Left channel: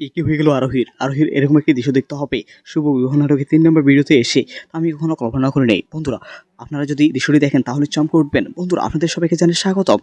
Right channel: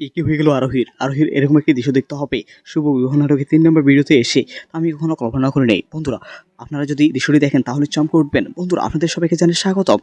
কি হয়ে গেল আরোহীর? আরোহীর এরকম একটি দৃশ্য দেখতে হবে শুভ বিবাহ নাটকের ৩ নম্বর ভিডিওতে এসে আমি কখনো কল্পনা করি নাই। বন্ধুরা, আপনারা যদি দৃশ্যটি দেখেন তাহলে চমকে উঠবেন। বন্ধুরা, আপনাদের সবাইকে জানাই স্বাগতম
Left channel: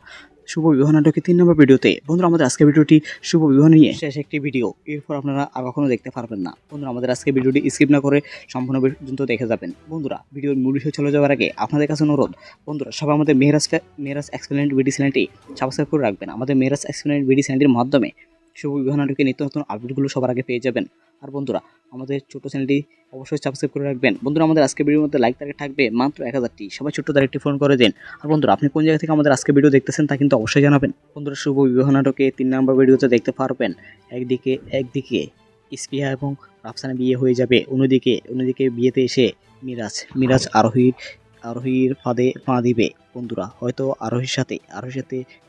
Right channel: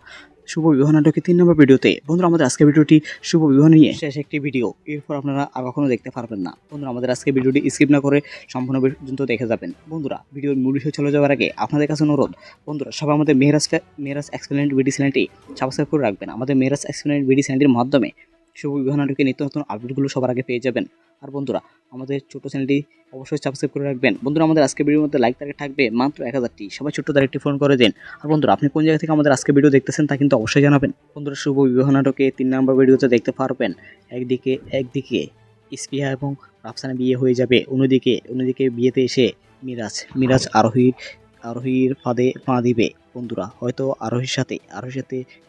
শুভ বিবাহ নাটকের ৩ নম্বর ভিডিওতে। বন্ধুরা, আমাদের আজকের ভিডিওটি শুভ বিবাহ নিয়ে শেষ একটি ভিডিও। এরপর আপনারা আর কখনো দেখতে পারবেন না। বন্ধুরা, আমাদের আজকের ভিডিওটি স্কিপ না করে সম্পূর্ণ পর্যন্ত দেখে যাবেন। বন্ধুরা, ভিডিওর মূল বিষয়ে চলে যাওয়ার আগে আপনাদের কাছে অনুরোধ, বন্ধুরা সবাই আমাদের মেহরাজ এক্সপ্লেনেড ভিডিও চ্যানেলটি সাবস্ক্রাইব করে রাখবেন। আমাদের মেহরাজ এক্সপ্লেনেড ভিডিও চ্যানেলটির মাধ্যমে শুভ বিবাহ নাটকের নিত্য নতুন আপডেটগুলো সবার আগে পেয়ে যাবেন। আর বন্ধুরা, আমাদের ছোট চ্যানেলটি অবশ্যই সাবস্ক্রাইব করে রাখবেন। বন্ধুরা, আমাদের আজকের ভিডিওর মধ্যে লাইক টার্গেট থাকবে মাত্র 1000টি। সবাই ছোট্ট তার একটি ফোন করে দিন। আর বন্ধুরা, আপনি কোন জায়গা থেকে আমাদের আজকে ভিডিও দেখতেছেন তা কিন্তু অবশ্যই জানাবেন। বন্ধুরা, শুভ বিবাহ নাটকে ৩ নম্বর ভিডিওতে দেখতে পারবেন একদিকে ইস্পিয়া এবং রাফসানা বিয়ে হয়ে যাবে, অন্যদিকে বিয়েতে এসে মিরাজ আরোহীর ফাঁদে পা দিবে। বন্ধুরা, হয়তো আরোহীর সাথে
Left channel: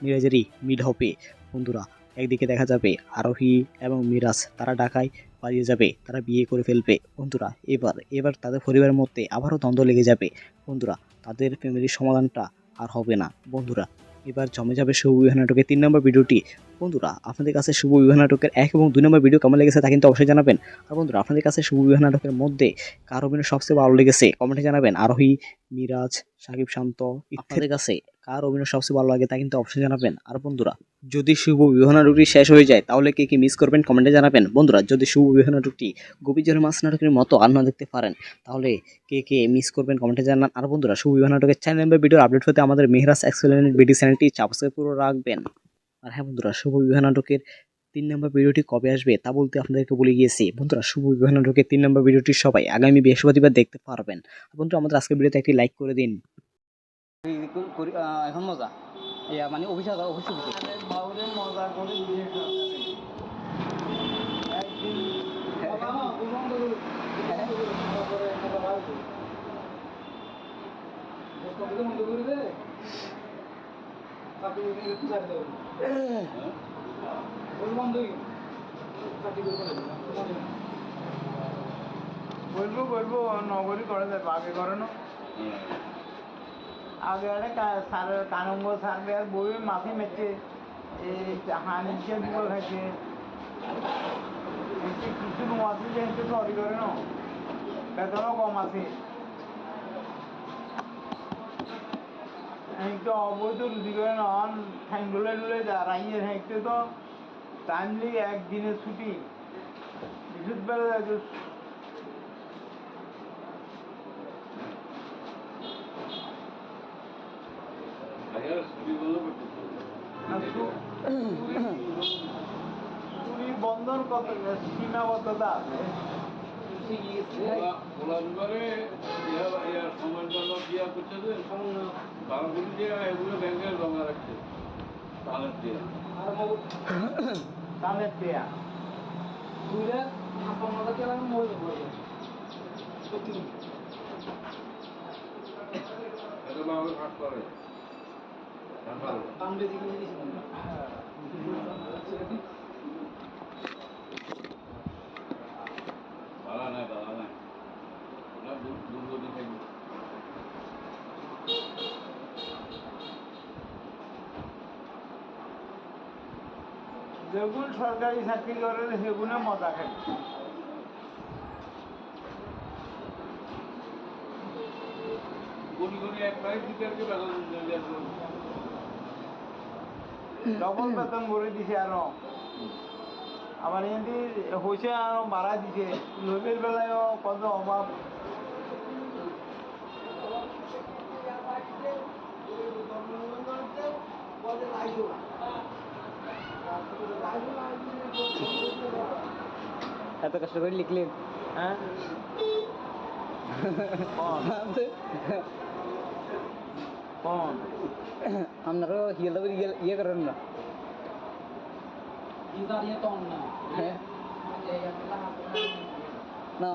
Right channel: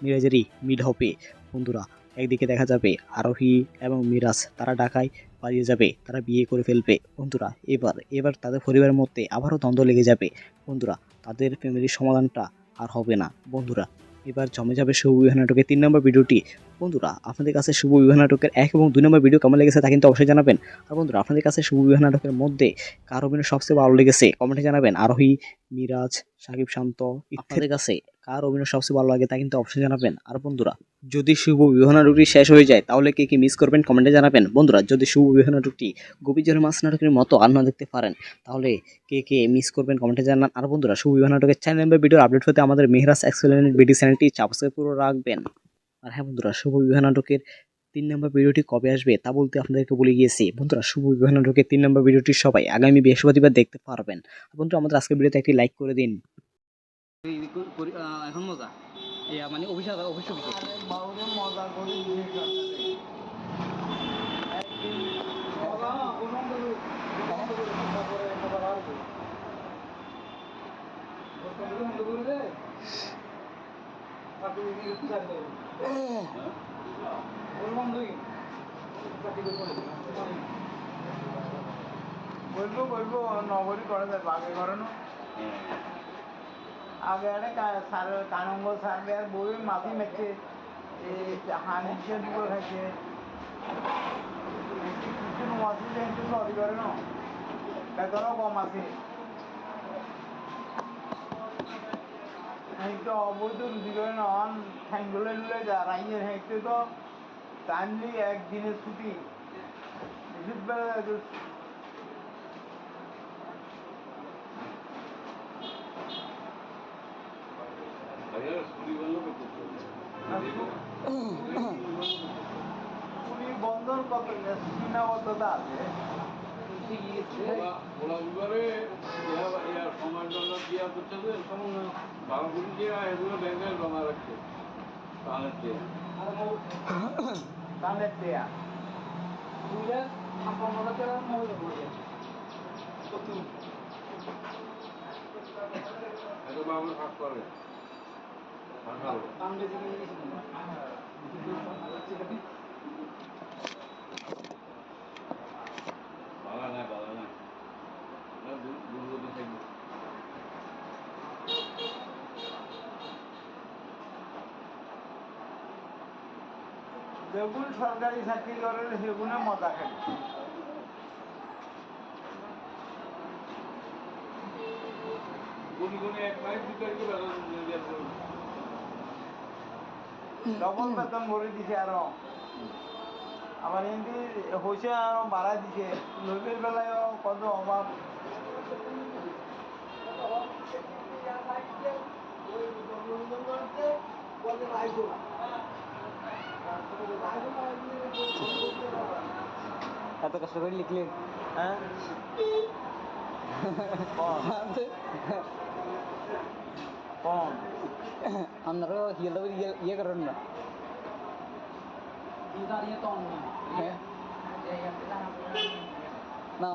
মিরাজেরই মিল হবে। বন্ধুরা, একদিকে দেখা যাবে আরোহী এবং মিরাজ তারা ঢাকায় পালিয়ে যাবে, তারা বিয়ে করে ফেলবে। বন্ধুরা, এবার তাদের পরিবারের মধ্যে আবারও দ্বন্দ্ব লেগে যাবে। বন্ধুরা, তাদের ফ্যামিলির সমাধানটা আর হবে না। বন্ধুরা, এবার জমে যাবে শুভ বিবাহ নাটকের ৩ নম্বর ভিডিওটি। বন্ধুরা, আপনাদের কাছে শুভ বিবাহ নাটকের ১ এবং ২ নম্বর ভিডিও কেমন লেগেছে তা কিন্তু অবশ্যই জানাবেন। আর বন্ধুরা, আপনাদের কাছে শুভ বিবাহ নাটকের মধ্যে কার অভিনয় সবচেয়ে ভালো লেগেছে কমেন্টে জানাবেন। আরোহী, মিরাজ, সাকিব শান্ত, আপনাদের কাছে কার অভিনয় সবচেয়ে ভালো লাগে তা কিন্তু অবশ্যই জানাবেন। আর বন্ধুরা, যদি শুভ বিবাহ নাটকটি শেষ হয়ে যায় তাহলে কে কি মিস করবেন কমেন্টে জানাবেন। বন্ধুরা, যদি শুভ বিবাহ নাটকটি গভীর জলের মাছ নাটকের মতো আর না দেখতে পারেন তাহলে কে মিস করবেন কমেন্টে জানান। আর বন্ধুরা, শুভ বিবাহ নাটকের চ্যানেল বা ভিডিওর আপডেট হতে আমাদের মেহরাজ এক্সপ্লেনেড ভিডিও চ্যানেলটি সাবস্ক্রাইব করে রাখবেন। আর হ্যাঁ বন্ধুরা, শুভ বিবাহ নাটকের ৩ নম্বর ভিডিওটি কবে আসবে তা বলতে আপনাদেরকে বলে গিয়েছি। বন্ধুরা, শুভ বিবাহ নাটকের ৩ নম্বর ভিডিওটি সবাই আগামী বৃহস্পতিবার দেখতে পারবেন। বন্ধুরা, আমাদের আজকের ভিডিওতে একটি লাইক করে দিন। এখন মজা মানে অফিসে বাবুরে মজা করে দিয়ে বলবো নগরী করা যায় আগে করানো আগে আরে কানঙ্গ সারবে আর বই মাটি মেচে এই হানিকে দিল হয়েছে কিছু মাটি দেখতে সবই করে না বেতনও কম আছে একটা অবৈধ রুজি করে না ঠ্যাঙ্গুলে নুলে দাঁড়াইয়ে হেঁটে তো টাইমলি একদিনের ছুটি বৃহস্পতিবার তুমি বন্ধন কত সীমাবদ্ধতা আছে সময় দিয়া করছে যে বারোগুলি দিয়ে এগুলো ব্যাংকে জমা রাখছে তাহলে দেয়া দুইটা আপনার তেলার মজা করবে এটা বাংলা কাজ করে দাম বেশি কিনে দিয়েছি ভাড়া নাই দুর্গতি থাকবে যেগুলো সরকারি চাকরি করে সেগুলো মজা খাবে এক মাস দিতে ডবল বেতন ভরে দিছে আরো আমার এমনি হয়েছে আরো ভাড়া দিছে লোকের বেলায় কত অভাব এত কষ্ট করে লিখলেন হ্যাঁ আপনারও ইয়ে করেন না না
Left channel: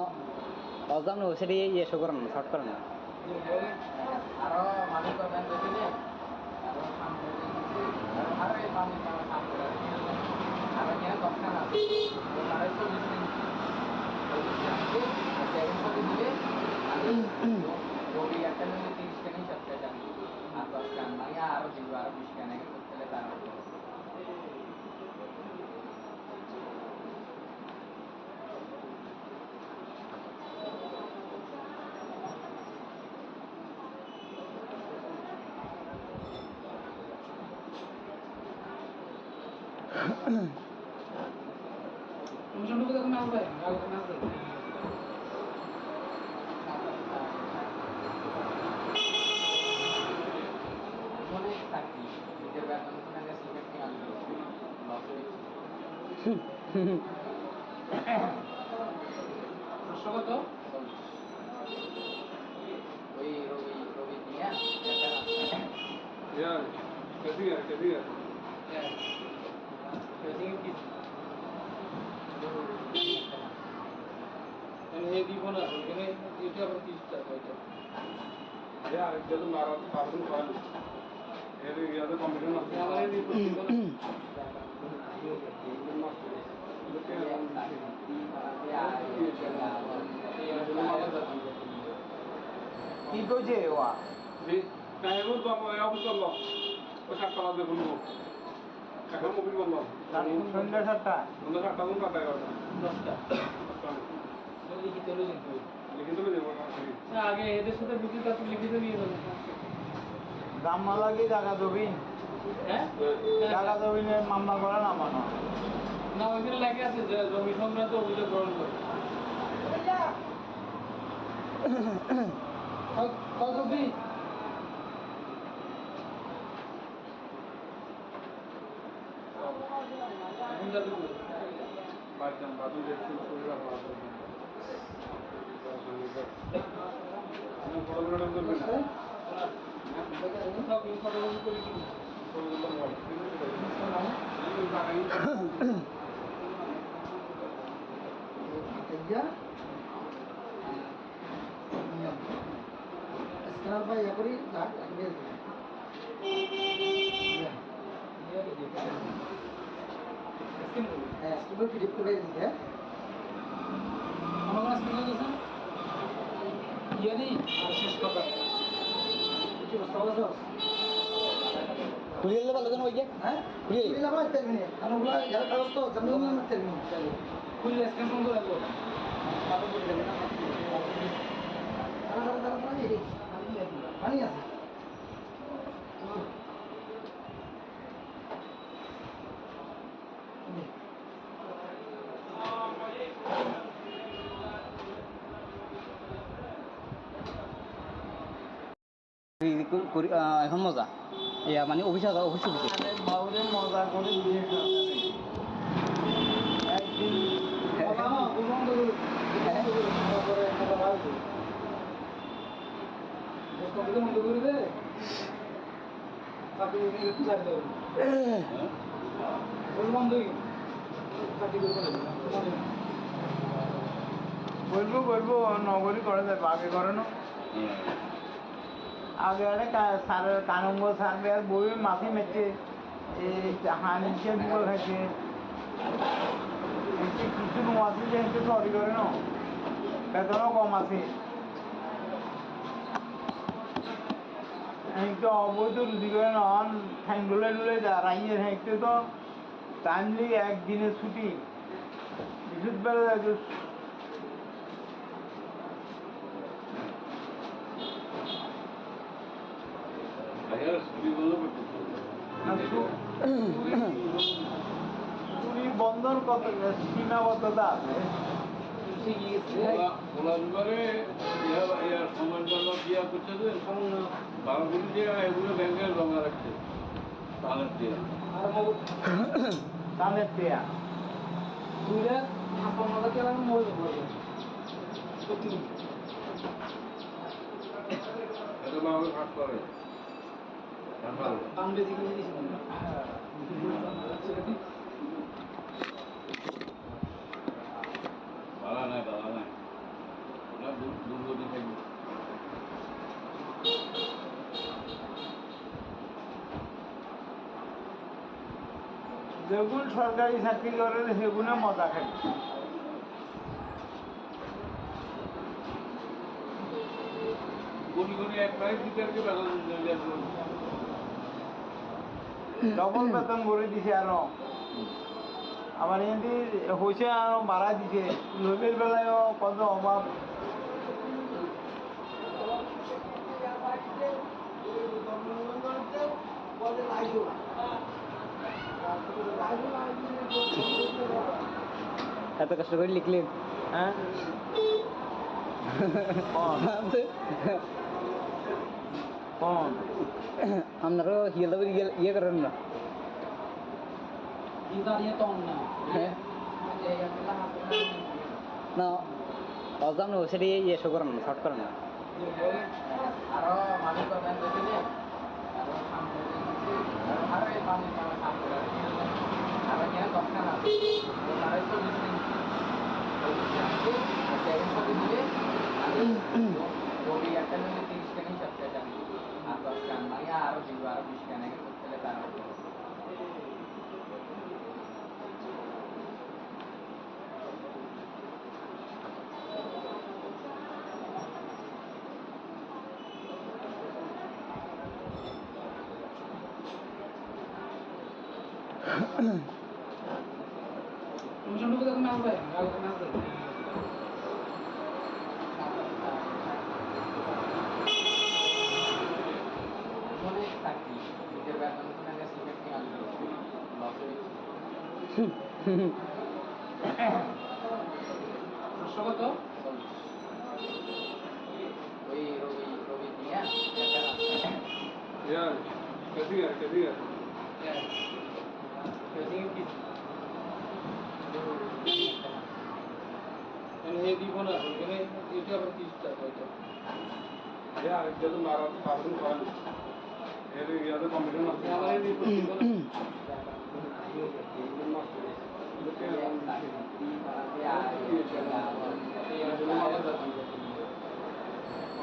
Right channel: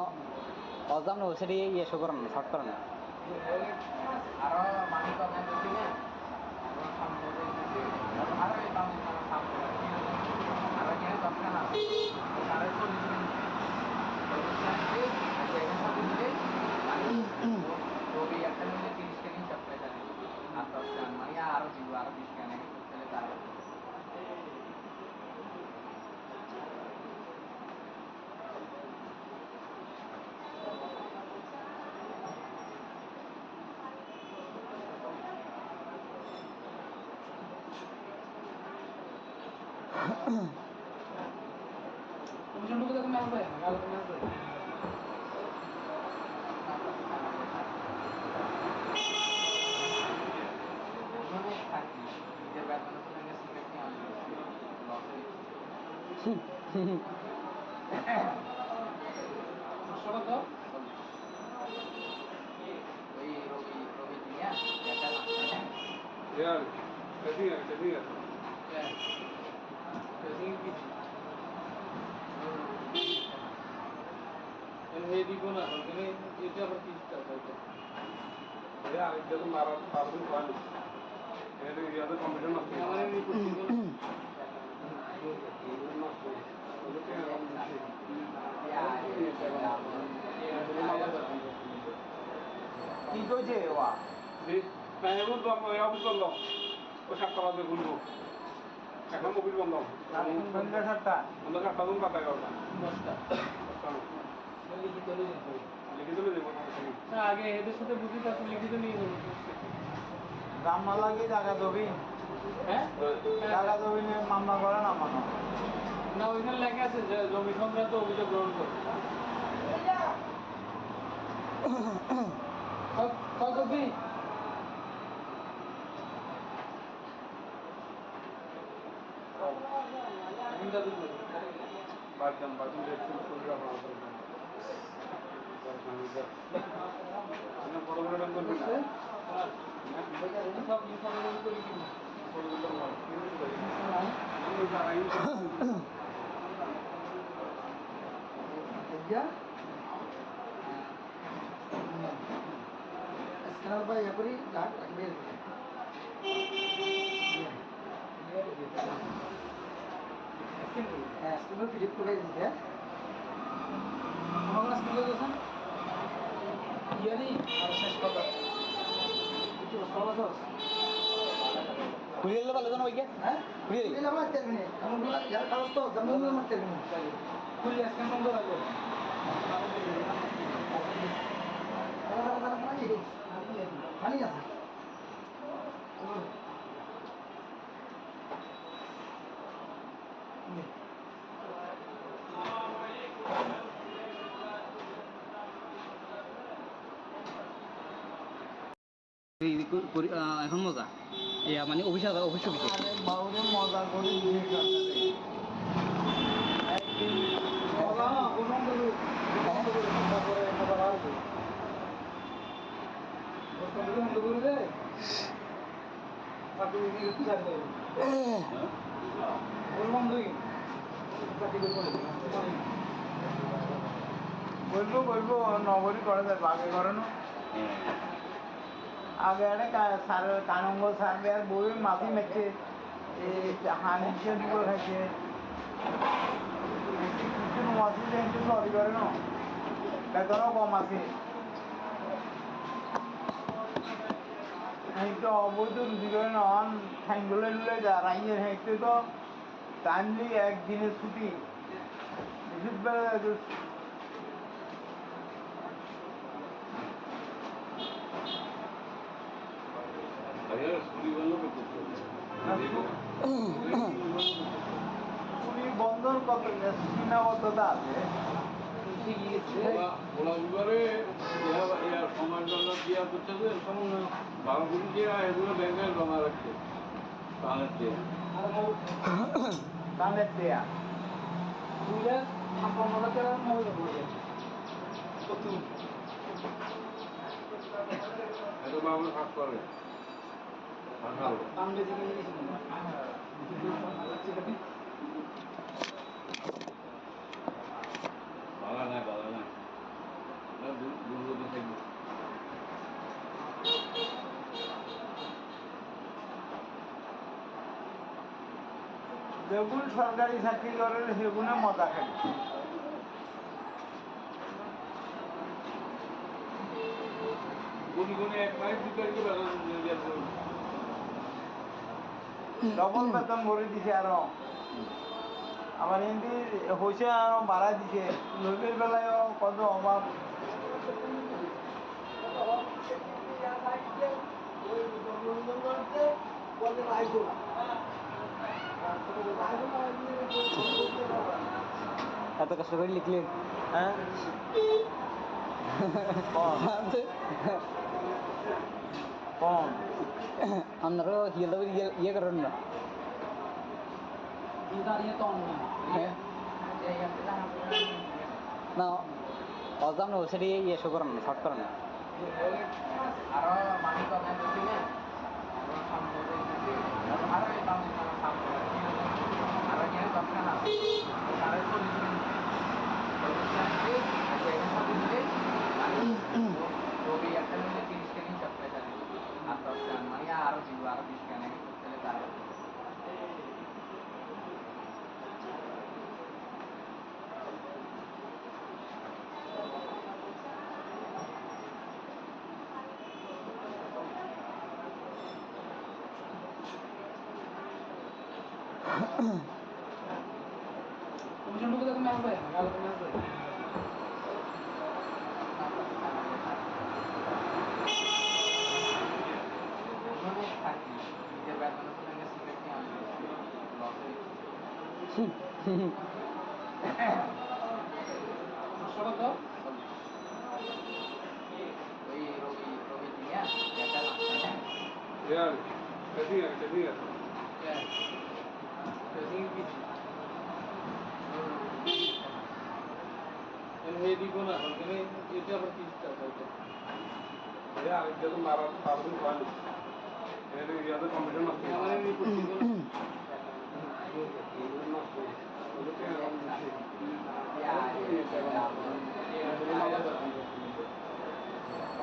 অজানো সেটা ইয়ে শো করেন না শর্ট করেন না আরো মানুষ একটা মিলে 30 কেনেই সবচেয়ে আর 10 কেন মানে আরো দিব আরো 20 কেন তাহলে তারা অনুষ্ঠানটুকু দেখুন না ভাই আলোচনা আছে অনেক চাকরি নিজের বেতনের সঙ্গে সিগারেট নিয়ে আসবে কত ওই রবি রবি দিয়া यार कभी है हे দিব না এখানে এটা আবার কি টাকা এটা यार जब मारा पार्किंग वाली ये याद कंपटीशन আছে আমার এই দিব কি কইছে ওয়া টাইমও তো অফিস বন্ধ ও 7টা বাজে খুলবো এখন অফিস বন্ধ সন্ধ্যা 7টা সন্ধ্যা 7টা থেকে 11টা 10টা লিখিত লিখিত দেবো আগে এদের সাথে বুঝি তারপর লিখিত নিয়ে বলুন দাম না লাগে জায়গা দেবেন হ্যাঁ জায়গা দেবেন মামলা করা না মামলা না ওইখানে লেখা আছে যে জমি সংক্রান্ত অভিযোগ গ্রহণ করে কবি বাদম বাদু দেখছি শরীর ভালো করে আমি ফটোগুলো ডান করবেন না সব ফটোগ্রাফি করে কি ফটোগুলো ভালো স্ক্যানার বা ইয়া করি ঘাট লাগবে হ্যাঁ স্ক্যানার ফিট করে দিতে আমার স্ক্যান করে দিয়েছেন ইয়ে নেই আর শেষ কথা কি বস্তা বলো খুলে দিলে ভালো জানো ওই হ্যাঁ খুলে দিলে ভালো একটা মিনিট আমগুলো যারা কাগজ তো জমজম মারতে মিনিট খুলে স্ক্যান বন্ধ রাখবো পানি আছে এখন মজা ইয়া মানে অফিস অফিসে বাউরে মজা করে দিয়ে একদিন বলবো বলবো নগরী করা যায় আগে করে না আগে একটা সারের কানঙ্গ সারবে আর বই মাটি মেচে এই হানিকে দিল হয়েছে কিছু মাটি দেখতে সবই করে না বেতনও কম আছে তো অবৈধ রুজি করে না ঠ্যাঙ্গুলে নুলে রাইয়ে হেঁটে তো টাইমলি একদিনের ছুটি বিশুদ্ধবেলা তুমি বন্ধন কত সীমাবদ্ধতা আছে ওলা বিবারে সময় জন্য দিয়া করছে যে বারোগুলি দিয়ে এগুলো ব্যাংকে জমা রাখছে তাহলে দিয়ে তাদের দেয়া দুইটা আপনার কাছে মজা করবে এটা বাংলা কাজ করে দাম বেশি কিনে দিয়েছি ভাড়া নাই দুর্গতি থাকবে যেগুলো সরকারি চাকরি করে সেগুলো মজা খাবে কোনি এক মাস দিতে ডবল বেতন ভরে দিছে আরো আমার এমনি হয়েছে আরো বাড়াই দিছে লোকের বেলায়ও কত অভাব বলতে এত কষ্ট করে লিখলেন হ্যাঁ কম আপনারও ইয়ে করেন না হ্যাঁ না অজান সেটা ইয়ে শো করেন না শর্ট করেন না यार कैसी है यार जब मारा पार्टी वाली ये तो कंपटीशन है हमारे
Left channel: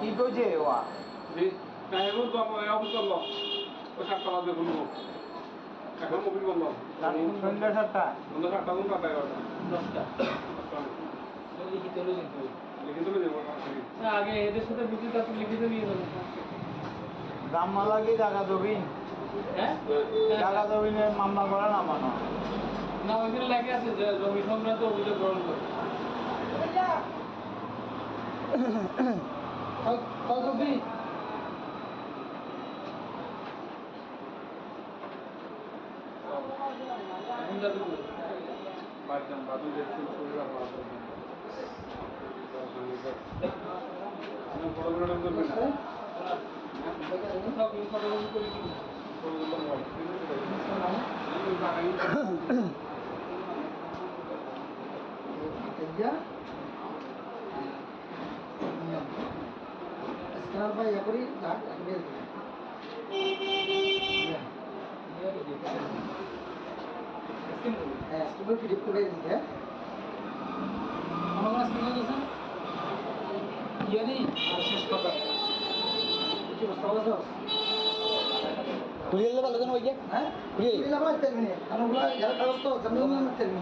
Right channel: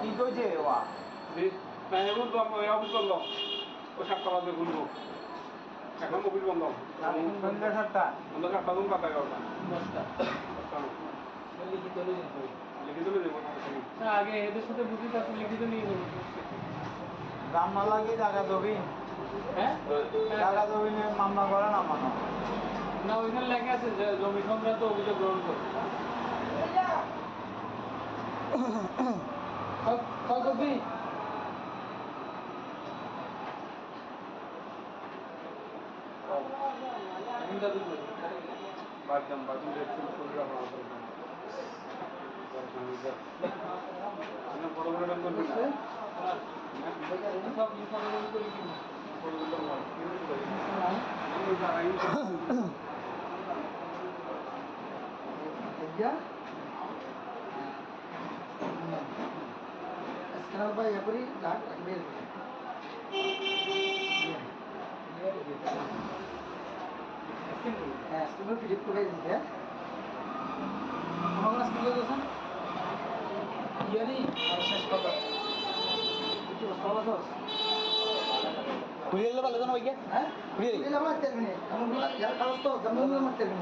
কি কইছে ওয়া मैं वो तो अब कर लो वो सब करा दे बोलो এখন কপিল বন্ধ সন্ধ্যা 7টা বন্ধ কাটা দুন কাটা গেলটা 10টা লিখিত দেবো না আগে এদের সাথে বুঝি তারপর লিখিত নিয়ে গেল দাম না লাগে জায়গা দেবেন হ্যাঁ জায়গা দেবেন মামলা করা না মামলা না ওইখানে লেখা আছে যে জমি সংক্রান্ত অভিযোগ গ্রহণ করে কয় কপি বাদম দেখছি শরীর আপনার বড় বড় নাম করবেন না সব ফটোকপি করে কি স্ক্যানার বা ইয়া করি লাগ একবার হ্যাঁ স্ক্যানার ফিট করে দিতে হ্যাঁ আমরা স্ক্যানার দিয়েছেন ইয়ে নেই শেষ কথা কি বস্তা বলো পুলিশ ভালো জানো ভাইয়া হ্যাঁ পুলিশ ভালো আছে মানে আমগুলো যারা কাগজ তো জমজম মারতে নি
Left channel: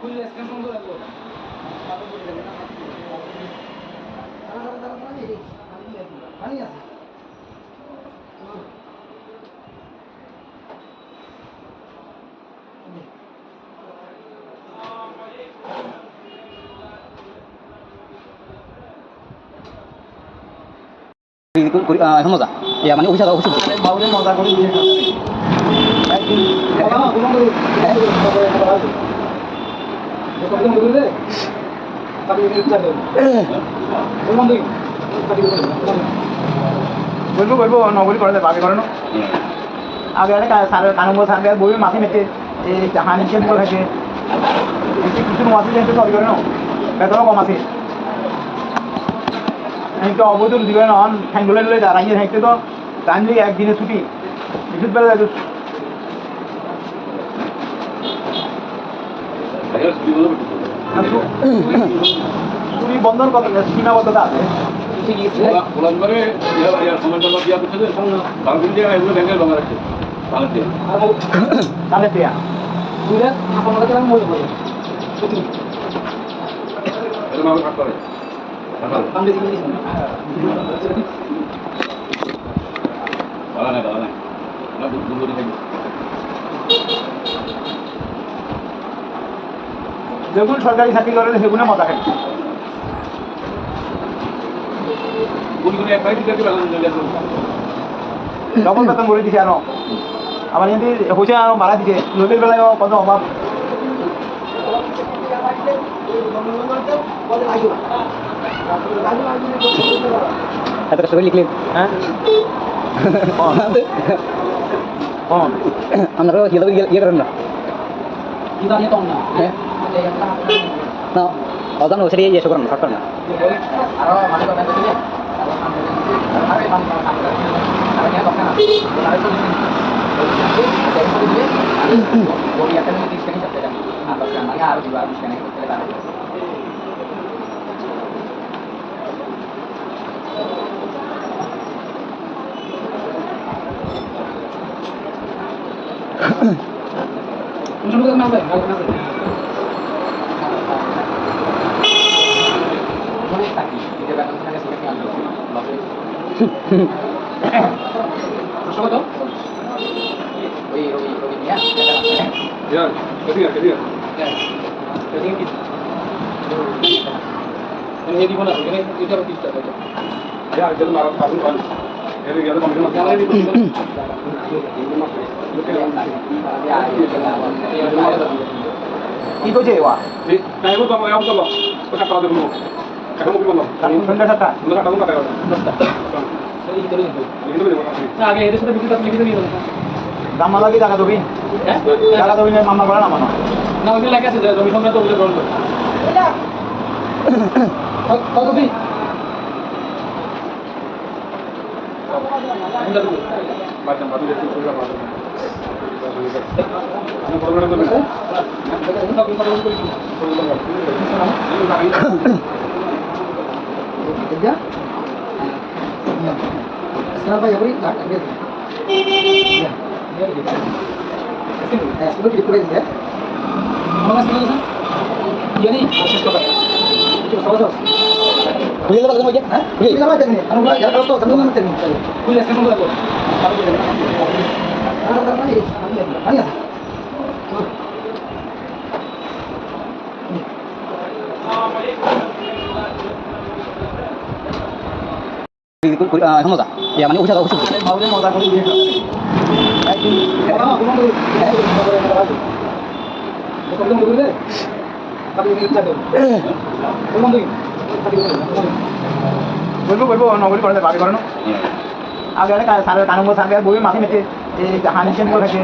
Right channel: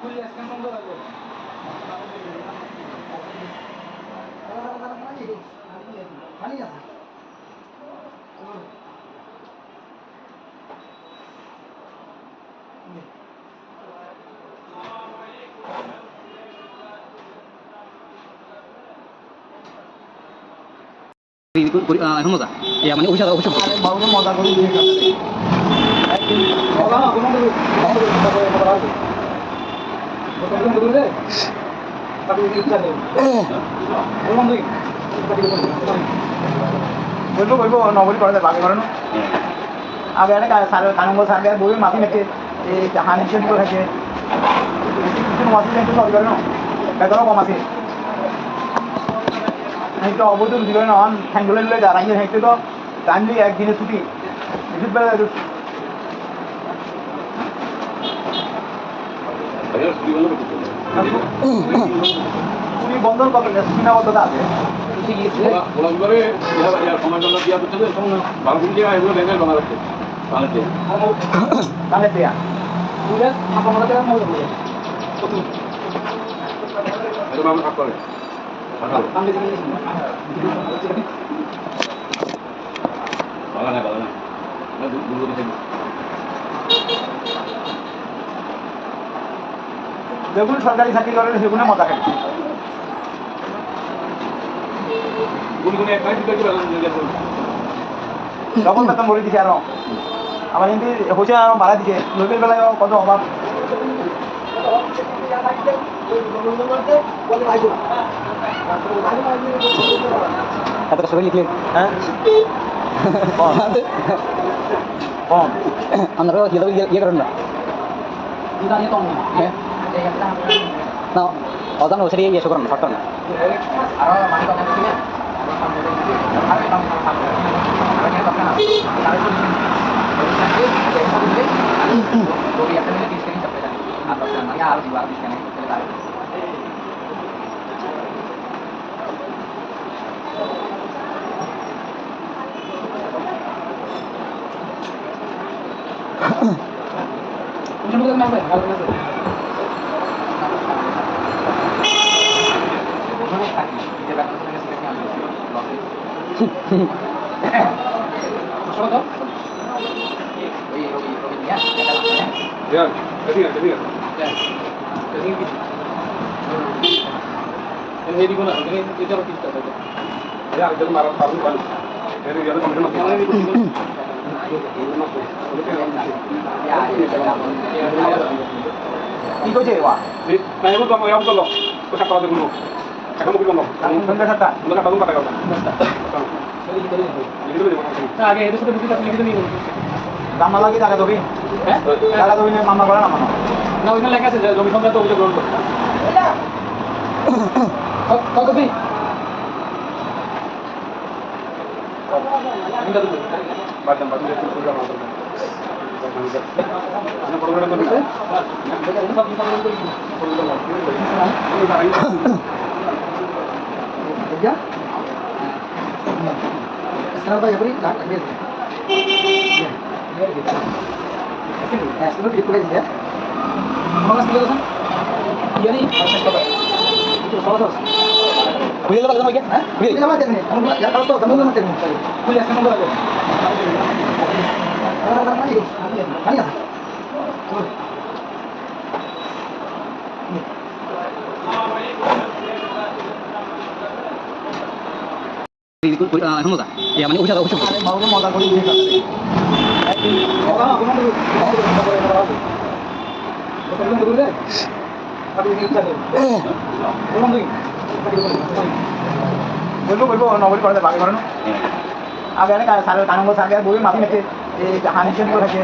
পুলিশ স্ক্যান বন্ধ রাখবে পানি আছে এখন মজা মানে অফিস অফিস বাবুরে মজা করে দিয়ে বলবো বলবো নগরী করে দেয় বাকি করে না আগে একটা কানুন সার্ভে বইয়ের মাথি মেটে এই হানি চেঞ্জ করে থাকে কিছু মাথি চেঞ্জ করে না বেতন কম আছে তো অবদন দিবে না হ্যান্ডুলে নিলে দাঁড়াইয়ে থাকতে তো টাইমলি একদিনে ছুটি বিদ্যুৎ বেলা তুমি বন্ধন কত সীমাবদ্ধতা আছে গোলাম করে সময় দিয়া করছে যে বারগুলি দিয়ে এগুলো ব্যাংকের জমা রাখছে তাহলে দেয়া দুইটা আপনার কাছে মজা করবে এরকম আমি থাকতে হবে ভালো নাই যেগুলো সরকারি চাকরি করেন সেগুলো মজা খাই গুলি গুলি এক মাস দিতে ডবল কথা মরে দিছে আরো আমার কিন্তু হয়েছে আর ভাড়া দিছে লোকের বেলায় কত অভাব এত কষ্ট করে লিখলেন হ্যাঁ কম আপনারাও ইয়ে করেন না হ্যাঁ না অজান ওই সাইডে ইয়ে করেন না থাকতেন না Ya, ketika. ini di mana ini itu apa kita Ya, itu marah paling kan. Ini dia kan mana? yang ini কি কইছে ওয়া Kayak itu kamu yang betul loh. Kau cakap ada dulu. Kakak mau bilang loh. কোনটা টাকা Udah kata lu kata kata. Ini dulu ya. আগে এর সাথে বুঝি তাহলে লিখে নিও দাম না লাগে টাকা দেবি হ্যাঁ টাকা দেবি না মামলা করা না না ওইখানে লেখা আছে জমি সংক্রান্ত অভিযোগ গ্রহণ করে কত দিন Batam batu dia tulis apa? Ini program itu bisa. Ya. Sekarang Pak Yabri, tak ambil. Ya. Sebelum ditulis ya. Mana sekali kan? Iya nih, akses kota. Itu salah. Boleh lepas sama dia? Hah? Boleh. Lepas ini. Anu ya kalau tahu sambil lepas ini. Boleh sekarang nomor aku. Ani ya. মজা ইয়া মানে উঠা উঠা আরে মাউরে মজা করে দিয়ে খাতা একদিন ওরা না কোনো কোনো করে আপনি কি চান কোন দিন বলবো বলবো নগরী করে ভাবি করে না আগে আরে সারে কানঙ্গ সাগে বই মাটি মেতে এই হানি চেন করে মেতে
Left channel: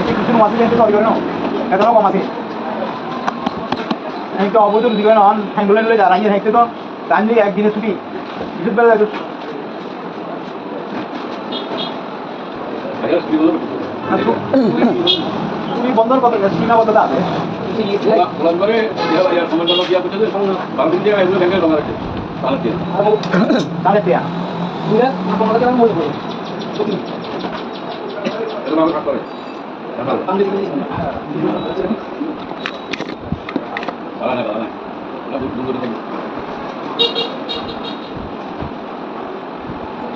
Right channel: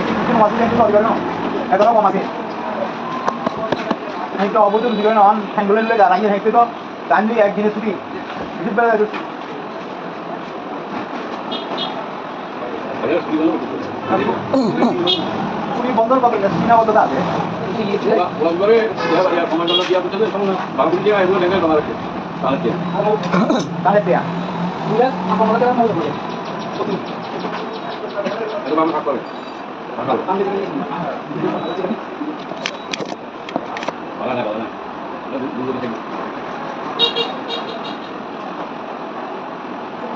একটু কিছু মাটি মেতে করে না এত বড় মাটি আমি তো অবুদম দিবেন অন হ্যাঙ্গুলেন লয়ে দাঁড়াই হেঁটে তো তানলি একদিনে ছুটি কিছু বেলা তুমি বন্ধ করবে সীমাবদ্ধতা আছে Ulang bare ya komandan dia betul itu bangun dia itu dengan kamar itu. Salah dia. তাহলে পেয়া বুঝা আপনারা কেমন মনে করবেন Itu bangun apa? Malah nak kalau nak. Nak buku tu.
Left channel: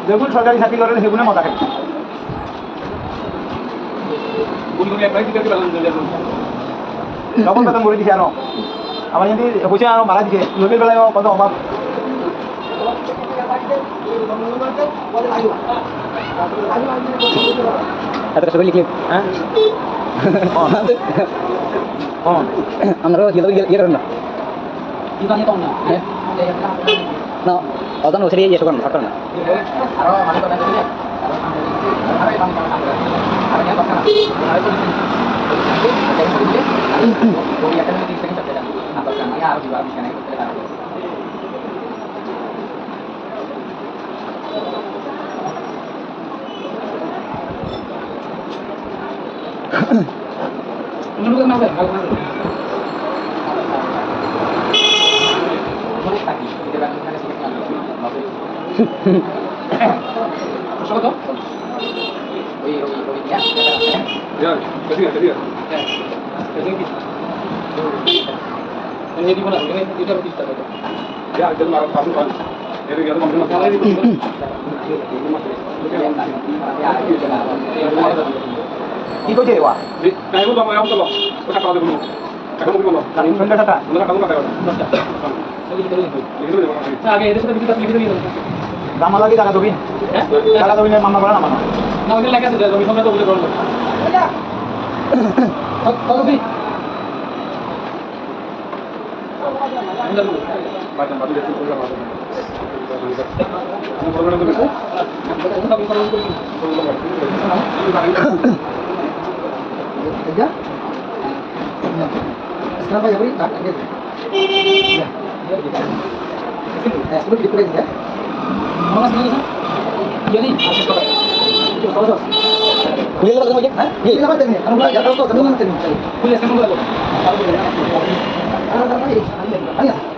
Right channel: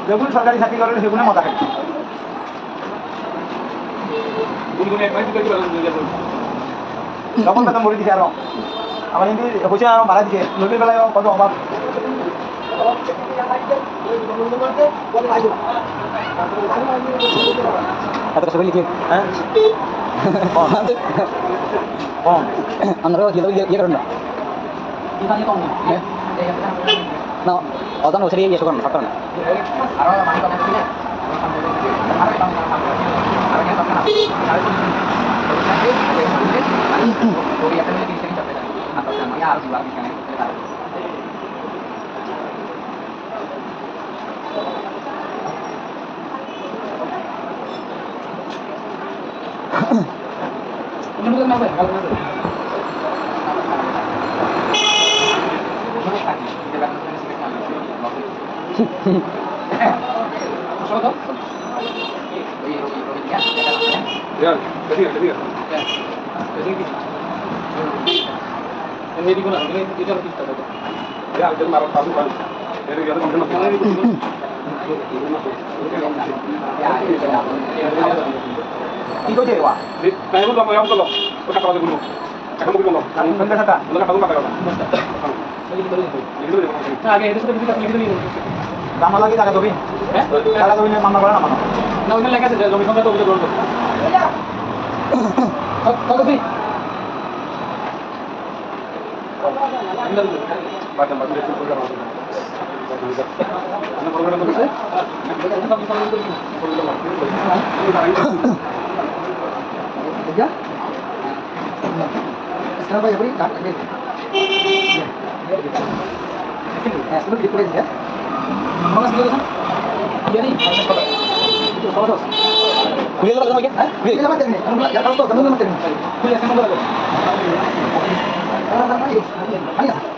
যখন সরকারি চাকরি করেন সেগুলো মজা থাকে Buku ni apa itu kita balas dia tu. যখন কথা মরে দিছে আরো আমার যদি হয়েছে আরো ভাড়া দিছে লোকের বেলায় কত অভাব এত কষ্ট করে লিখলেন হ্যাঁ আপনারাও ইয়ে করেন না কি জানি কম না হ্যাঁ না অজান ওই সাইডে ইয়ে করেন না থাকতেন না আরো মানে কথা দিলে Ya, ketika. ini di mana ini itu apa kita Ya, itu marah paling kan. Ini dia kan mana? কি কইছে ওয়া Kayak itu kamu yang betul loh. Kau cakap ada dulu. Kakak mau bilang loh. কোনটা টাকা Udah kata lu kata kata. Ini dulu ya. আগে এর সাথে বুঝি তাহলে লিখে নিও গামলা লাগিয়ে জায়গা দেবেন হ্যাঁ জায়গা দেবেন মামলা করেন আমার না ওইখানে লেখা আছে জমি সঙ্গে তো অভিযোগ গ্রহণ করতে Ya. Sekarang Pak Jabri, tak ada. Ya. Sebelum dipulih ya. Mana sebelum itu? Iya nih. Kuliah apa lagi? Kuliah apa tadi? Kamu belajar tahu kamu nama tadi. Kuliah kamu belajar. Ayo.